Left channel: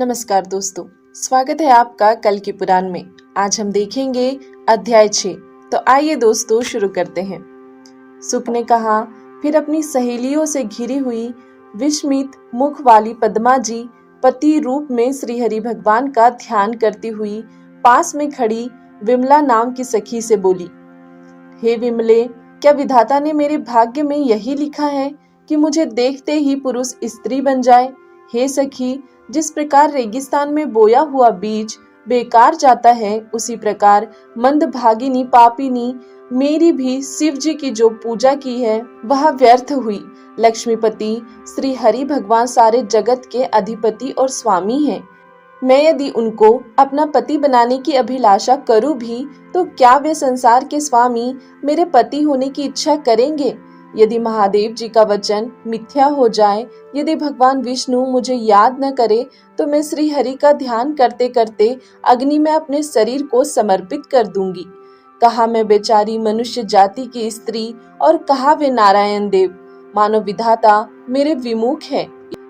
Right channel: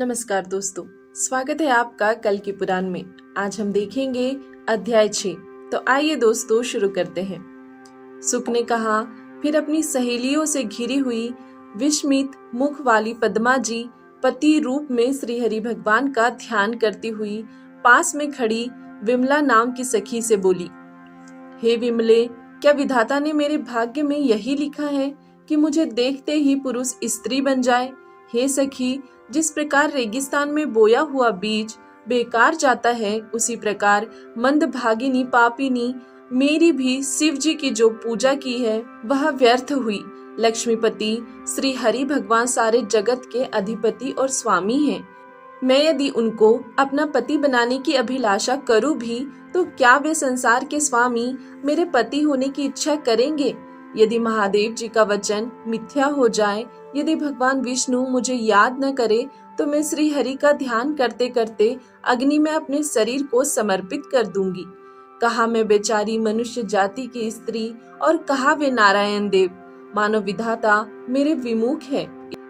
नमस्कार दोस्तों, स्वागत है आपका कल की पुराण में। आज हम देखेंगे अध्याय 6। तो आइए दोस्तों शुरू करते हैं। सुक ने कहा, फिर अपनी सहेलियों से घिरी हुई विस्मित मुख वाली पद्मा जी पति रूप में श्रीहरि भगवान का ध्यान करती हुई पास में खड़ी विमला नाम की सखी से बोली, हे विमले, क्या विधाता ने मेरे भाग्य में यही लिखा है कि मुझे देखते ही पुरुष स्त्री बन जाए? हे सखी, जिस प्रकार रेगिस्तान में बोया हुआ बीज बेकार जाता है, उसी प्रकार मंदभागिनी पापिनी मेरी भी शिव जी की जो पूजा की है वह व्यर्थ हुई। लक्ष्मीपति श्री हरि भगवान सारे जगत के अधिपति और स्वामी हैं। मैं यदि उनको अपना पति बनाने की अभिलाषा करूं भी तो क्या वे संसार के स्वामी मेरे पति होने की इच्छा करेंगे? यदि महादेव जी का वचन मिथ्या हो जाए, यदि भगवान विष्णु मुझे याद न करे, तो मैं श्री हरि का ध्यान करते करते अग्नि में अपने शरीर को समर्पित कर दूंगी। कहा मैं बेचारी मनुष्य जाति की स्त्री और कहा वे नारायण देव, मानो विधाता मेरे विमुख है।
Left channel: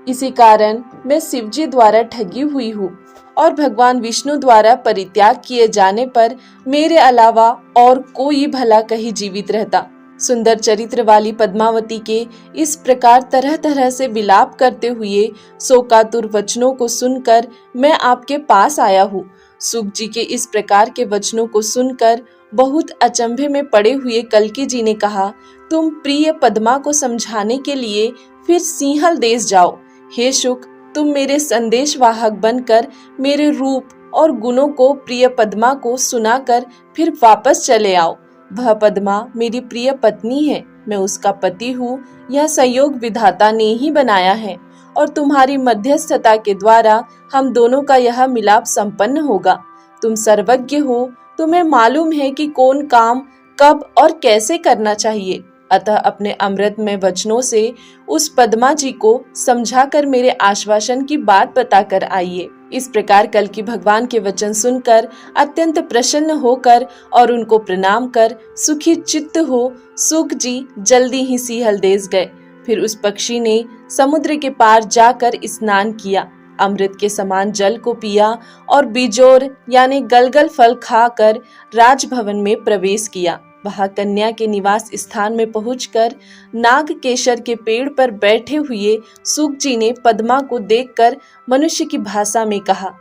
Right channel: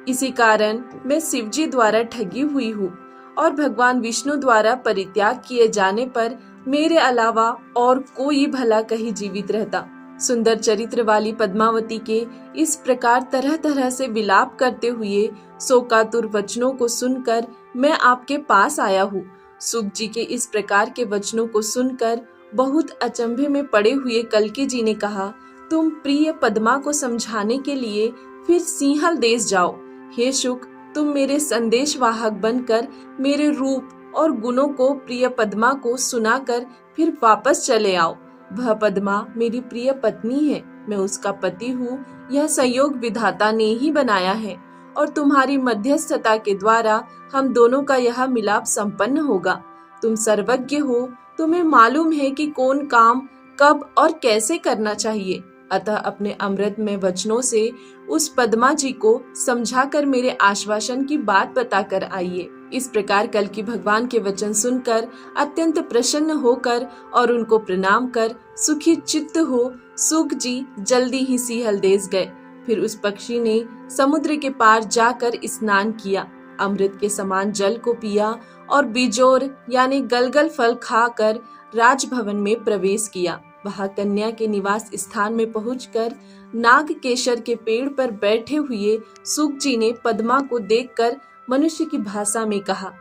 इसी कारण मैं शिवजी द्वारा ठगी हुई हूँ और भगवान विष्णु द्वारा परित्याग किए जाने पर मेरे अलावा और कोई भला कहीं जीवित रहता। सुंदर चरित्र वाली पद्मावती के इस प्रकार तरह तरह से विलाप करते हुए शोकातुर वचनों को सुनकर मैं आपके पास आया हूँ। सुक जी के इस प्रकार के वचनों को सुनकर बहुत अचंभे में पड़े हुए कल्की जी ने कहा, तुम प्रिय पद्मा को समझाने के लिए फिर सिंहल देश जाओ। हे शुक, तुम मेरे संदेशवाहक बनकर मेरे रूप और गुणों को प्रिय पद्मा को सुनाकर फिर वापस चले आओ। वह पद्मा मेरी प्रिय पत्नी है, मैं उसका पति हूँ। यह संयोग विधाता ने ही बनाया है और तुम्हारी मध्यस्थता के द्वारा हम दोनों का यह मिलाप संपन्न होगा। तुम सर्वज्ञ हो, तुम्हें मालूम है कि कौन काम कब और कैसे करना चाहिए। अतः अपने अमृतमय वचनों से उस पद्मा जी को समझाकर मेरे आश्वासन की बात बताकर आइए। इस प्रकार कल्की भगवान के वचन सुनकर अत्यंत प्रसन्न होकर और उनको प्रणाम कर सुखी चित्त हो सुक जी जल्दी ही सिंहल देश गए। फिर उस पक्षी ने समुद्र के पार जाकर स्नान किया, अमृत के समान जल को पिया और बिजोर यानी गलगल फल खाकर राजभवन में प्रवेश किया। वहां कन्या के निवास स्थान में पहुंचकर नाग केशर के पेड़ पर बैठे हुए सुक जी ने पद्मा को देखकर मनुष्य की भाषा में कहा,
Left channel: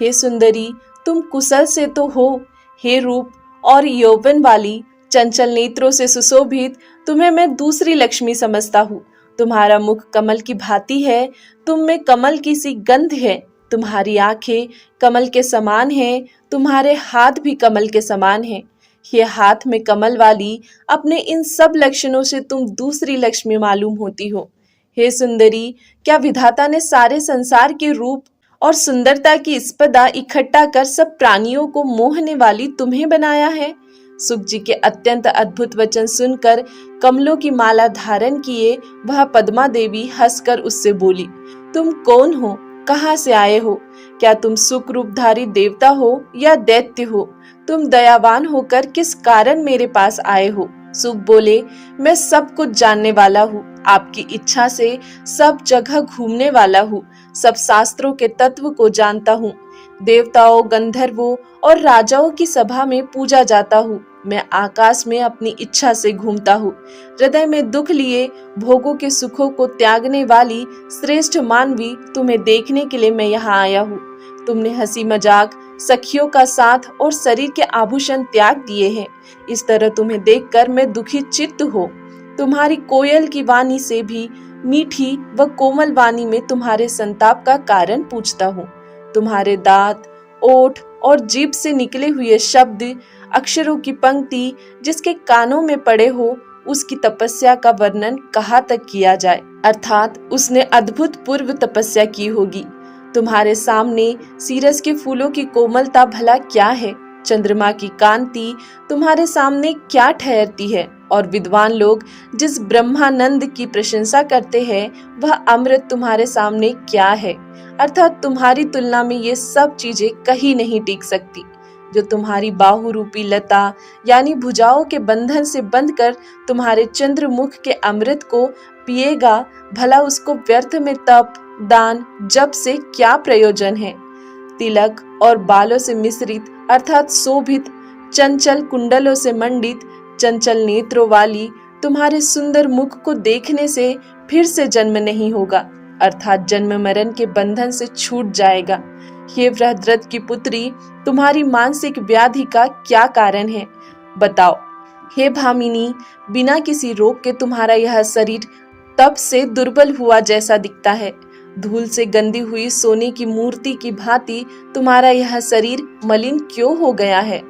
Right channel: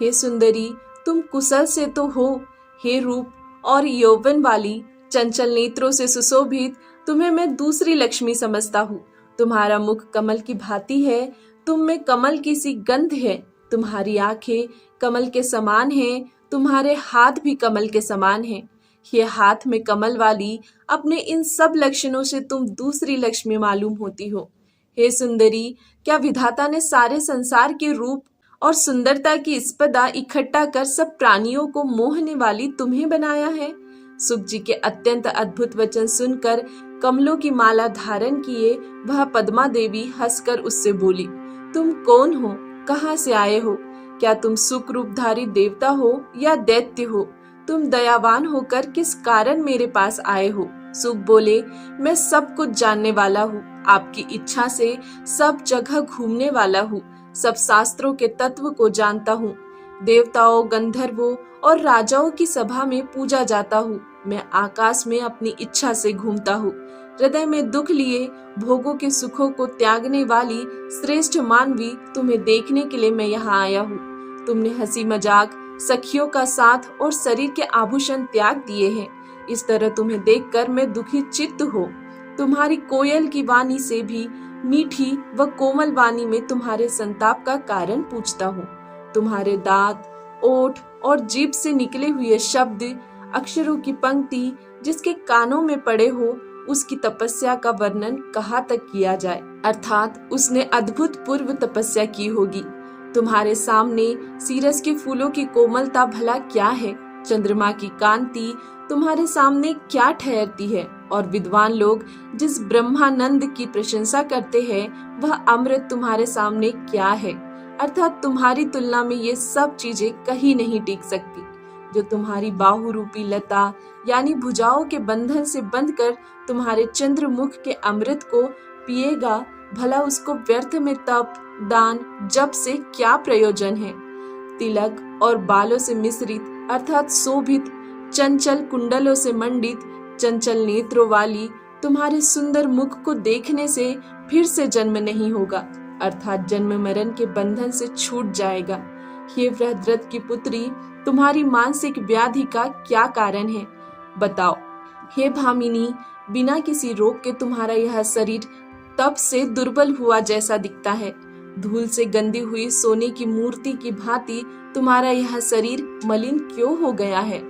हे सुंदरी, तुम कुशल से तो हो। हे रूप और यौवन वाली, चंचल नेत्रों से सुशोभित, तुम्हें मैं दूसरी लक्ष्मी समझता हूँ। तुम्हारा मुख कमल की भांति है, तुम में कमल की सी गंध है। तुम्हारी आंखें कमल के समान हैं, तुम्हारे हाथ भी कमल के समान हैं। ये हाथ में कमल वाली, अपने इन सब लक्षणों से तुम दूसरी लक्ष्मी मालूम होती हो। हे सुंदरी, क्या विधाता ने सारे संसार के रूप और सुंदरता की स्पर्धा इकट्ठा कर सब प्राणियों को मोहने वाली तुम्हें बनाया है? सुक जी के अत्यंत अद्भुत वचन सुनकर कमलों की माला धारण किए वह पद्मा देवी हंसकर उससे बोली, तुम कौन हो? कहाँ से आए हो? क्या तुम सुख रूपधारी देवता हो या दैत्य हो? तुम दयावान होकर किस कारण मेरे पास आए हो? सुक बोले, मैं सब कुछ जानने वाला हूँ, आपकी इच्छा से सब जगह घूमने वाला हूँ, सब शास्त्रों के तत्व को जानता हूँ। देवताओं, गंधर्वों और राजाओं की सभा में पूजा जाता हूँ। मैं आकाश में अपनी इच्छा से घूमता हूँ। हृदय में दुख लिए भोगों के सुखों को त्यागने वाली श्रेष्ठ मानवी तुम्हें देखने के लिए मैं यहाँ आया हूँ। तुमने हंसी मजाक, सखियों का साथ और शरीर के आभूषण त्याग दिए हैं। इस तरह तुम्हें देखकर मैं दुखी चित्त हो। तुम्हारी कोयल की वाणी से भी मीठी व कोमल वाणी में तुम्हारे संताप का कारण पूछता हूँ। तुम्हारे दांत, ओठ और जीभ से निकले हुए शब्द, अक्षरों की पंक्ति जिसके कानों में पड़े हो, उसकी तपस्या का वर्णन कहाँ तक किया जाए, अर्थात उसने अद्भुत पूर्व तपस्या की होगी। तुम्हारे सामने सीरस के फूलों की कोमलता भला क्या है? चंद्रमा की कांति तुम्हारे सामने क्या ठहरती है? और विद्वान लोग जिस ब्रह्मानंद की प्रशंसा करते हैं, वह अमृत तुम्हारे सामने क्या है? अर्थात तुम्हारी तुलना में ये सब चीजें कहीं नहीं टिक सकती। जो तुम्हारी बाहु रूपी लता यानी भुजाओं के बंधन से बंधकर तुम्हारे चंद्रमुख के अमृत को पिएगा, भला उसको व्यर्थ में तप दान जप से क्या प्रयोजन है। तिलक और बालों से मिश्रित अर्थात शोभित, चंचल कुंडलों से मंडित, चंचल नेत्रों वाली तुम्हारे सुंदर मुख को देखने से फिर से जन्म नहीं होगा, अर्थात जन्म मरण के बंधन से छूट जाएगा। हे बृहद्रथ की पुत्री, तुम्हारी मानसिक व्याधि का क्या कारण है, बताओ। हे भामिनी, बिना किसी रोग के तुम्हारा यह शरीर तप से दुर्बल हुआ जैसा दिखता है। धूल से गंदी हुई सोने की मूर्ति की भांति तुम्हारा यह शरीर मलिन क्यों हो गया है।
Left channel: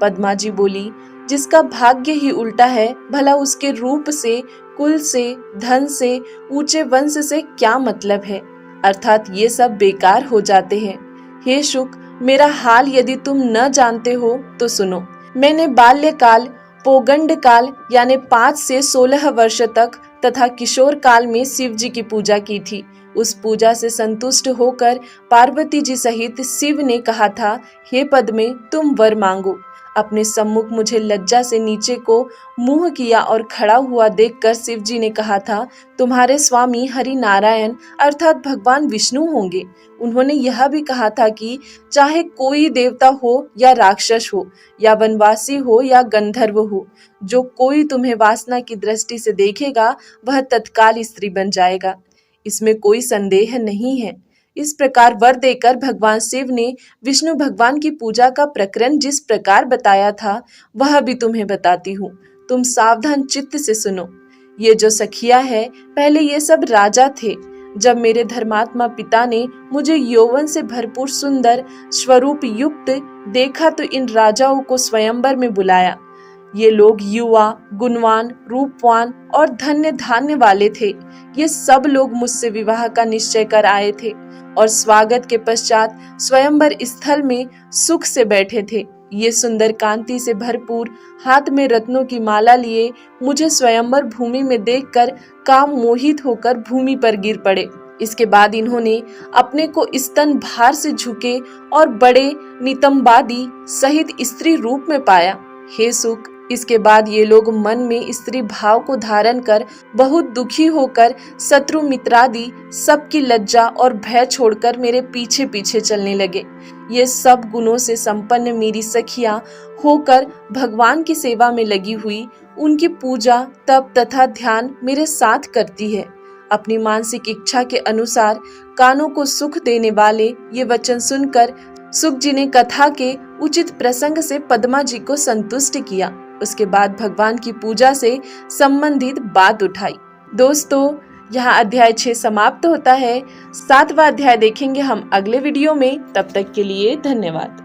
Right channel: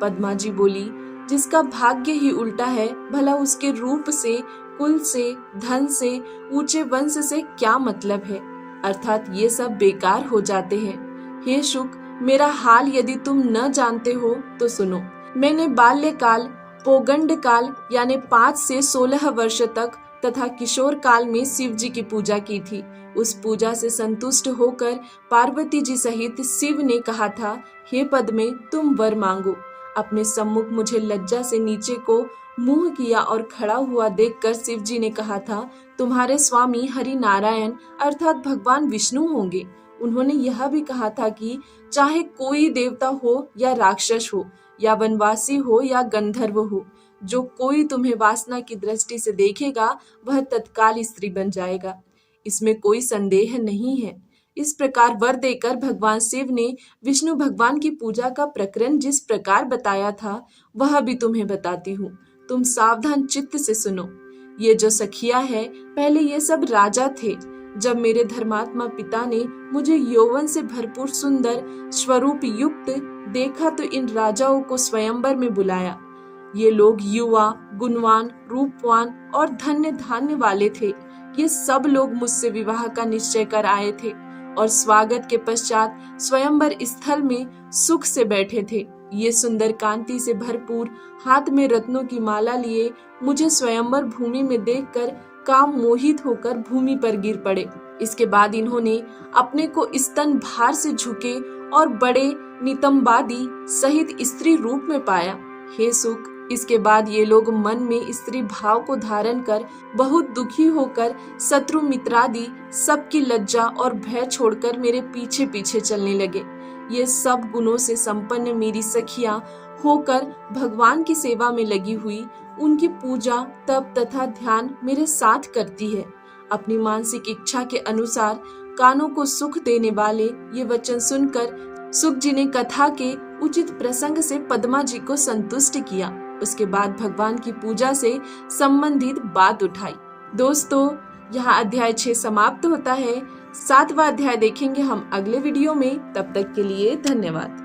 पद्मा जी बोली, जिसका भाग्य ही उल्टा है, भला उसके रूप से, कुल से, धन से, ऊंचे वंश से क्या मतलब है, अर्थात ये सब बेकार हो जाते हैं। हे शुक, मेरा हाल यदि तुम न जानते हो तो सुनो। मैंने बाल्यकाल, पौगंड काल यानी 5 से 16 वर्ष तक तथा किशोर काल में शिव जी की पूजा की थी। उस पूजा से संतुष्ट होकर पार्वती जी सहित शिव ने कहा था, हे पद्मे, तुम वर मांगो। अपने सम्मुख मुझे लज्जा से नीचे को मुंह किया और खड़ा हुआ देखकर शिव जी ने कहा था, तुम्हारे स्वामी हरि नारायण अर्थात भगवान विष्णु होंगे। उन्होंने यह भी कहा था कि चाहे कोई देवता हो या राक्षस हो या वनवासी हो या गंधर्व हो, जो कोई तुम्हें वासना की दृष्टि से देखेगा वह तत्काल स्त्री बन जाएगा, इसमें कोई संदेह नहीं है। इस प्रकार वर देकर भगवान शिव ने विष्णु भगवान की पूजा का प्रकरण जिस प्रकार बताया था वह भी तुम्हें बताती हूँ। तुम सावधान चित्त से सुनो। ये जो सखिया है, पहले ये सब राजा थे। जब मेरे धर्मात्मा पिता ने मुझे यौवन से भरपूर सुंदर स्वरूप युक्त देखा तो इन राजाओं को स्वयंवर में बुलाया। ये लोग युवा, गुणवान, रूपवान और धन्य धान्य वाले थे। ये सब लोग मुझसे विवाह का निश्चय कर आए थे और स्वागत के पश्चात स्वयंवर स्थल में सुख से बैठे थे। ये सुंदर कांति से भरपूर, हाथ में रत्नों की माला लिए मुझे स्वयंवर भूमि में देखकर काम मोहित होकर भूमि पर गिर पड़े। इसके बाद इन्होंने अपने को स्तन भार से झुके और बड़े नितंबादी सहित स्त्री रूप में पाया। हे सुख, इसके बाद ये लोग मन में स्त्री भाव को धारण कर बहुत दुखी होकर शत्रु मित्रादि सबकी लज्जा और भय छोड़कर मेरे पीछे पीछे चलने लगे। ये सब गुणों से संपन्न मेरी सखियां होकर भगवान की सेवा में लगी हुई उनकी पूजा, तप तथा ध्यान मेरे साथ करती है। अपनी मानसिक इच्छा के अनुसार कानों को सुख देने वाले ये वचन सुनकर सुख जी ने कथा के उचित प्रसंग से पद्मा जी को संतुष्ट किया। उसके बाद भगवान की पूजा से संबंधित बात उठाई। दोस्तों, यहाँ अध्याय 6 समाप्त होता है। 7वां अध्याय देखेंगे हम अगले वीडियो में। तब तक के लिए धन्यवाद।